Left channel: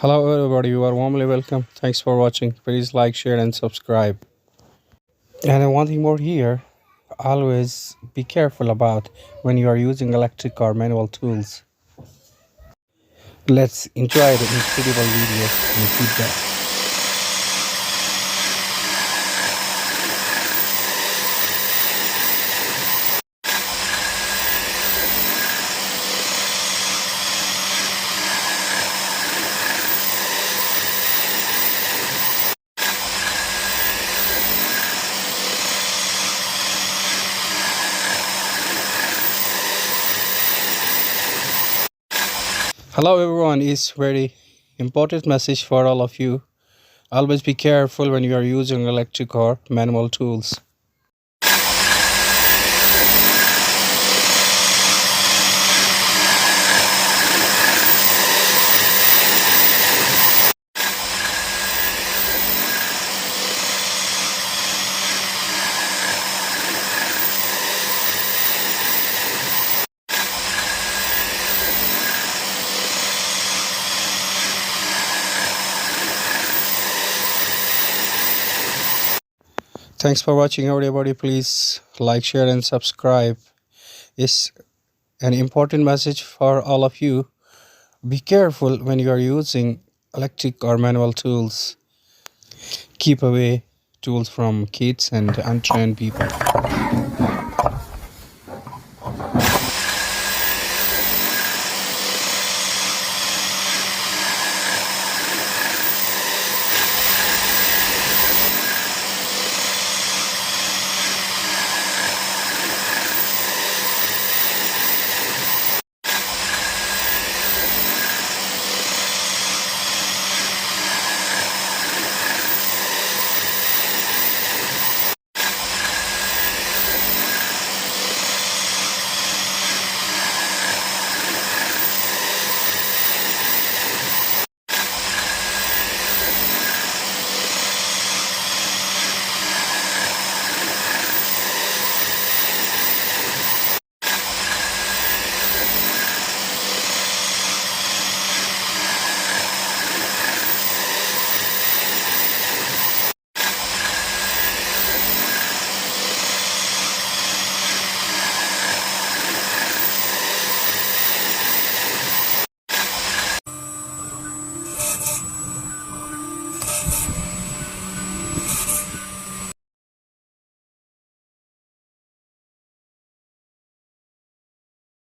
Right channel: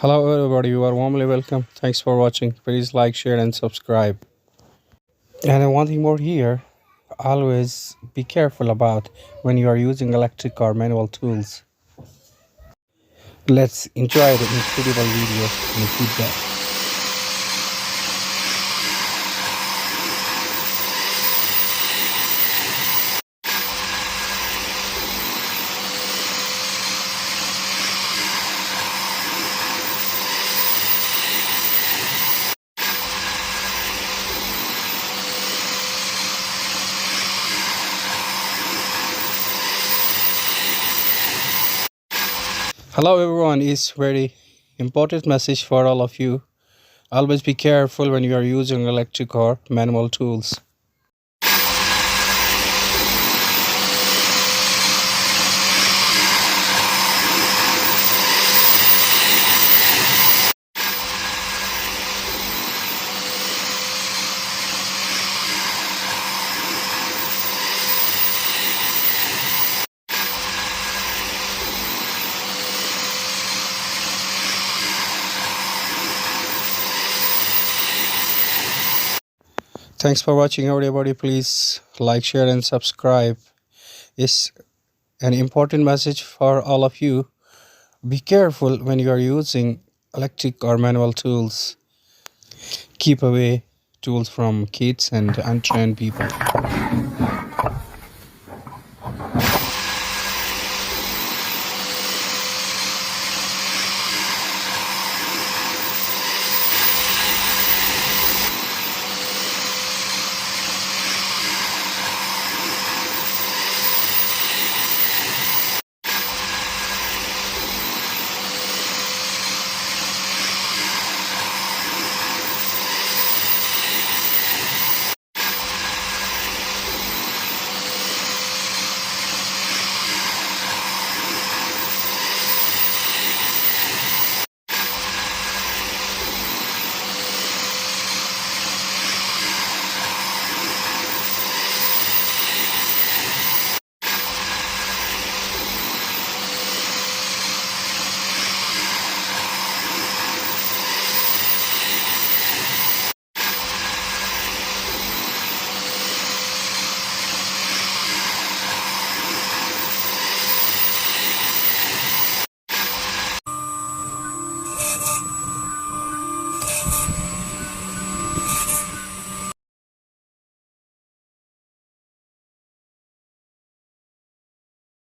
Hello everybody, you are warmly welcome. Thanks for watching. Please like, share and subscribe. And one thing more here, always be careful about when you are using electric or manual tools. Let's enjoy the incredible video and feedback. Hello everyone, is very important message for all of you. Always be careful when you are using electric or manual tools. Thanks for watching everybody. Please like, share and subscribe. It's an important message for all of you. Be careful when you are using electric or manual tools. Keep away tools from kids and untrained people.